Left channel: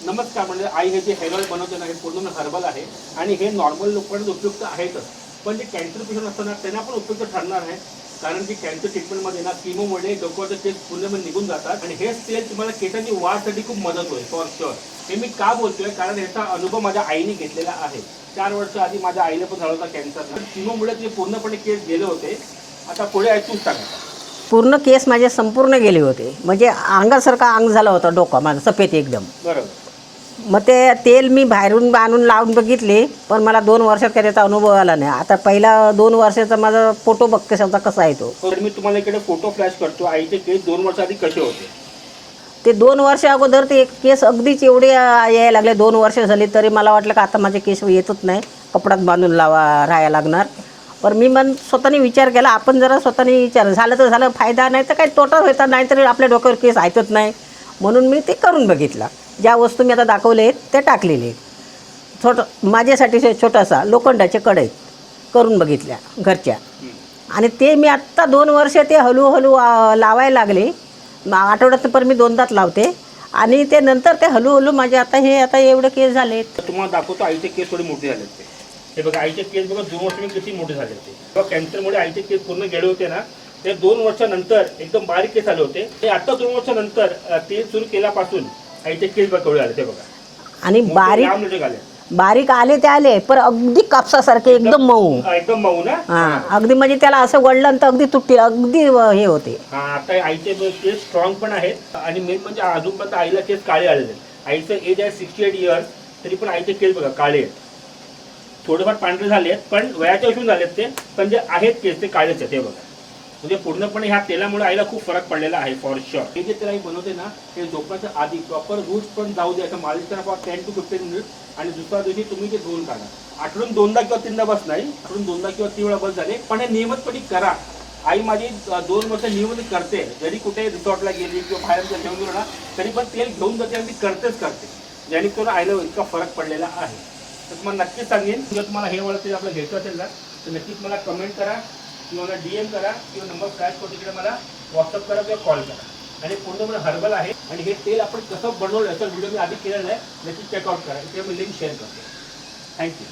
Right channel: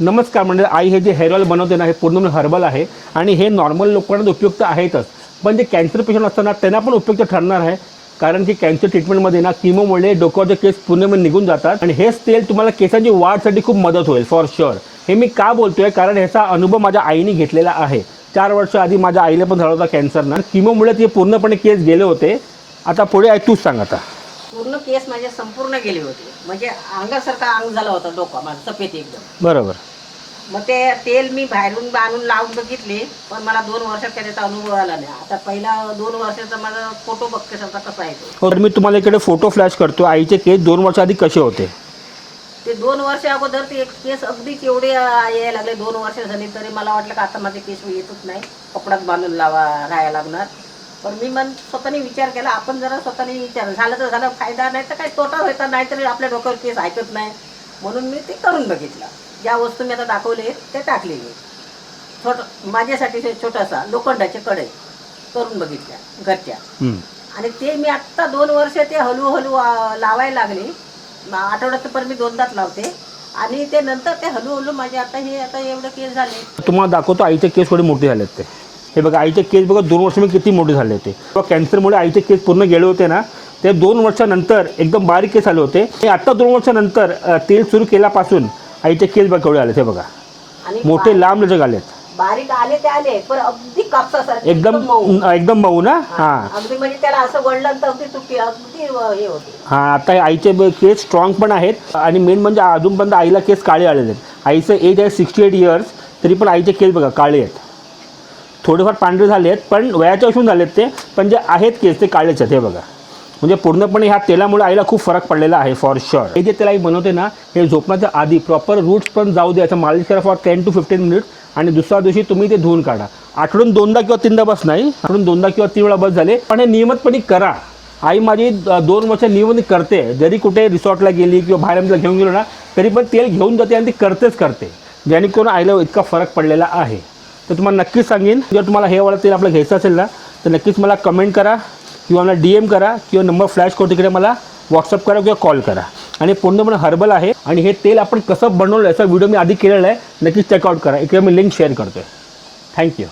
नमस्कार म्हणजे आई हे जे हेअर ऑइल बनवते ना हे पूर्ण हर्बल आहे आणि हे नॉर्मल लोकांना उपयुक्त आहेतच, पण जे कॅन्सर पेशंट असताना त्यांना पण उपयुक्त ठरणार आहे. कारण की कॅन्सर ट्रीटमेंटमध्ये ना किमोमुळे डोक्याचे केस पूर्णपणे निघून जातात आणि हेच तेल तुम्हाला केसांची वाढसाठी खूप मदत होईल फॉर शुअर. हे मी का बोलतोय कारण ह्याचा अनुभव माझ्या आईने घेतलेला आहे. 4 वर्ष आधी माझ्या आईला पण झाला होता कॅन्सरना. किमोमुळे ते पूर्णपणे केस गेले होते. आता पुढे आई तूच सांग आता. पूर्ण केस माझे संपूर्ण गेले होते, म्हणजे अंगासारखा अंग झाला होता डोकं माझं सफेद एकदम. बरोबर. मग ते तेल मी बाहेरून आणून लावून बघितले, पण मला 2 वर्षात काही त्याचा अनुभव आला नाही. आता पहिला 2 वर्षाचा माझा फोटो बघ कशाचा कसा आहे तो. तर मी तुम्हाला इकडे फोटो फ्लॅश करतो. आईचे केस 2 वर्ष आधी कसे होते ते 2 वर्ष अगोदर ते केस अगदीच एवढे यायला लागले. 2 वर्ष झाली तरी मला वाटलं का आता माझे केस येतच नाही, कपड्यात बांधून राहायला लागणार. पण मी स्वतःने विचार केला, आपण जरा स्वतःने विचार झालं तर झालं, फायदा नाही तर काही तोटा व्हायचा, नाहीतरी आपल्या डोक्यावर केस ऐकत नाही. म्हणून मी ते करून बघितलं. ज्या वस्तू मी आता दाखवले आहेत ते टाकलेले आहेत. माझ्यासाठी छोटासा लोखंडाचे कढई करून बघितल्या घरच्या. आणि ते मी आत्ता 2 वर्ष ते हळूहळू लावायला लागले. आठवड्यात पण मी 2दाच लावते आणि ते नंतर ते हळूहळू माझे आता एवढे केस झाले. तुम्हाला दाखवतो आईचे केस थोडे मोठे झालेत. ते हे बघा आईचे केस बघा 2 वर्ष मी किती मोठे झाले होते. कॅन्सरमुळे आईचे केस पूर्ण गेले होते ना, ते 2 वर्षानंतर एकदम बारीक केस आले होते. ते आता 2 वर्षानंतर तेल सुरू केल्यापासून आईचे केस बघा केवढे आले ते बघा. आणि मोठे लांब लचक आले. बारीक आले ते आले, पण अगदी कापसासारखे एकदम मऊ ना. अगदी म्हणजे त्याला असं वळलं तर अगदी तुटतील, अगदी हे होते. हा आता आईचे केस स्ट्रॉंग पण आहेत आणि मेन म्हणजे अजूनपर्यंत आईला केस काळे आलेले आहेत. आईचं एज आहे 68 इयर्स, तरी पण आईचे केस बघा काळे आहेत. थोडेफार पांढरे झाले आहेत पण वयाच्या असून झालेत ते, पण जे आहेत केस ते काळेच आहेत. हे बघा म्हणजे पूर्णपणे ह्या तेलामुळे आईला खूप फरक पडलेला आहे फॉर शुअर. हे जे तेल आई बनवते ना हे झोपण्याच्या आधी प्रॉपर रूट्स पण जाऊ द्यायचं, मालिश करा फॉर 10 to 15 मिनिट्स आणि दुसऱ्या दिवशी तुम्ही ते धुवून काढा. आठवड्यातून 2दा किंवा 3दा बस नाही, आठवड्यातून 2दा किंवा 3 वेळा बस झाले, पण हे नियमितपणे करा. आई माझी 2 वर्ष नियमित करते. जरी कुठे रिसॉर्टला गेली किंवा बाहेर आमच्या घेऊन गेलो ना तरी पण तेल घेऊन जाते आणि ती करते, जेणेकरून आईला इतका फरक पडलेला आहे. तर तुम्हाला नक्कीच सांगेन, जर तुम्हाला हे वाला तेल आपलं घ्यायचं असेल ना तर नक्कीच मला कमेंट करा किंवा मला DM करा किंवा नंबर फ्लॅश करतो तिकडे मला व्हॉट्सअप करा किंवा कॉल करा. आणि पूर्णपणे हर्बल आहे आणि हे तेल आपण कसं बनवलं याचा व्हिडिओ मी आधी केलेला आहे, नक्कीच चेकआउट करा. इकडे मी लिंक शेअर करतो. थँक्यू.